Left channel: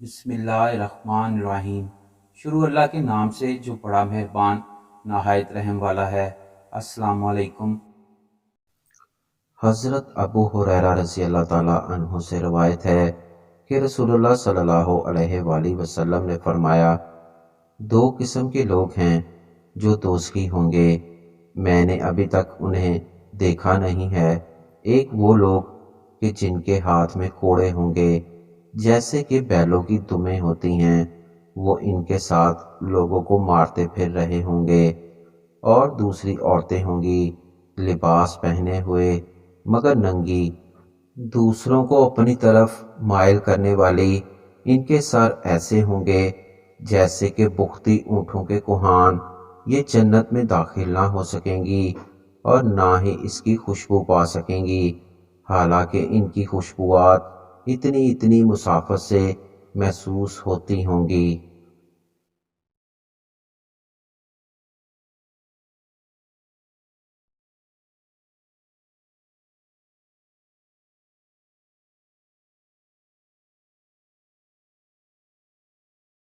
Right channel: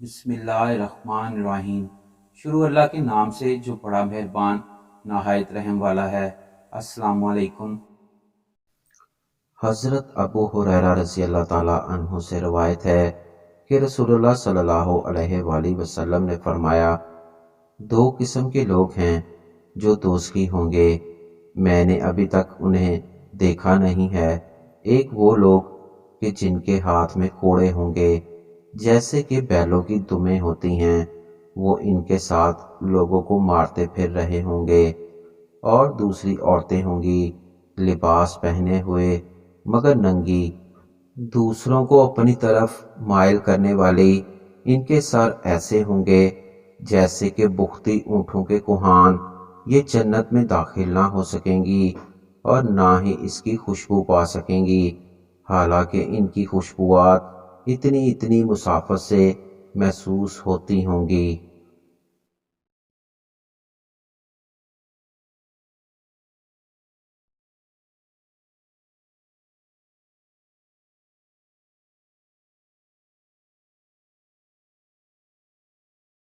بسم اللہ الرحمن الرحیم۔ شروع اللہ کے نام سے جو بڑا مہربان نہایت رحم والا ہے۔ السلام علیکم۔ حضرت ابو ہریرہ رضی اللہ تعالیٰ عنہ سے روایت ہے کہ رسول اللہ صلی اللہ علیہ وآلہ وسلم نے فرمایا، دو قسم کے لوگ ہیں جو دوزخی ہوں گے، میں نے ابھی تک انہیں دیکھا نہیں ہے۔ ایک وہ لوگ کہ جن کے ہاتھ میں کوڑے ہوں گے جیسے کہ بیلوں کی دمیں ہوتی ہیں، وہ ان کے ساتھ لوگوں کو مارتے پھر رہے ہوں گے، اور دوسری عورتیں ہوں گی لباس پہنے ہوئے مگر ننگی، دوسروں کو اپنی طرف مائل کرنے والی، ان کے سر ایسے ہوں گے جیسے کہ بختی اونٹوں کے کوہان، یہ جنت میں داخل نہ ہو سکیں گی اور نہ ہی اس کی خوشبو پا سکیں گی، حالانکہ ان کی خوشبوات اتنی مسافت سے محسوس ہوتی ہوں گی۔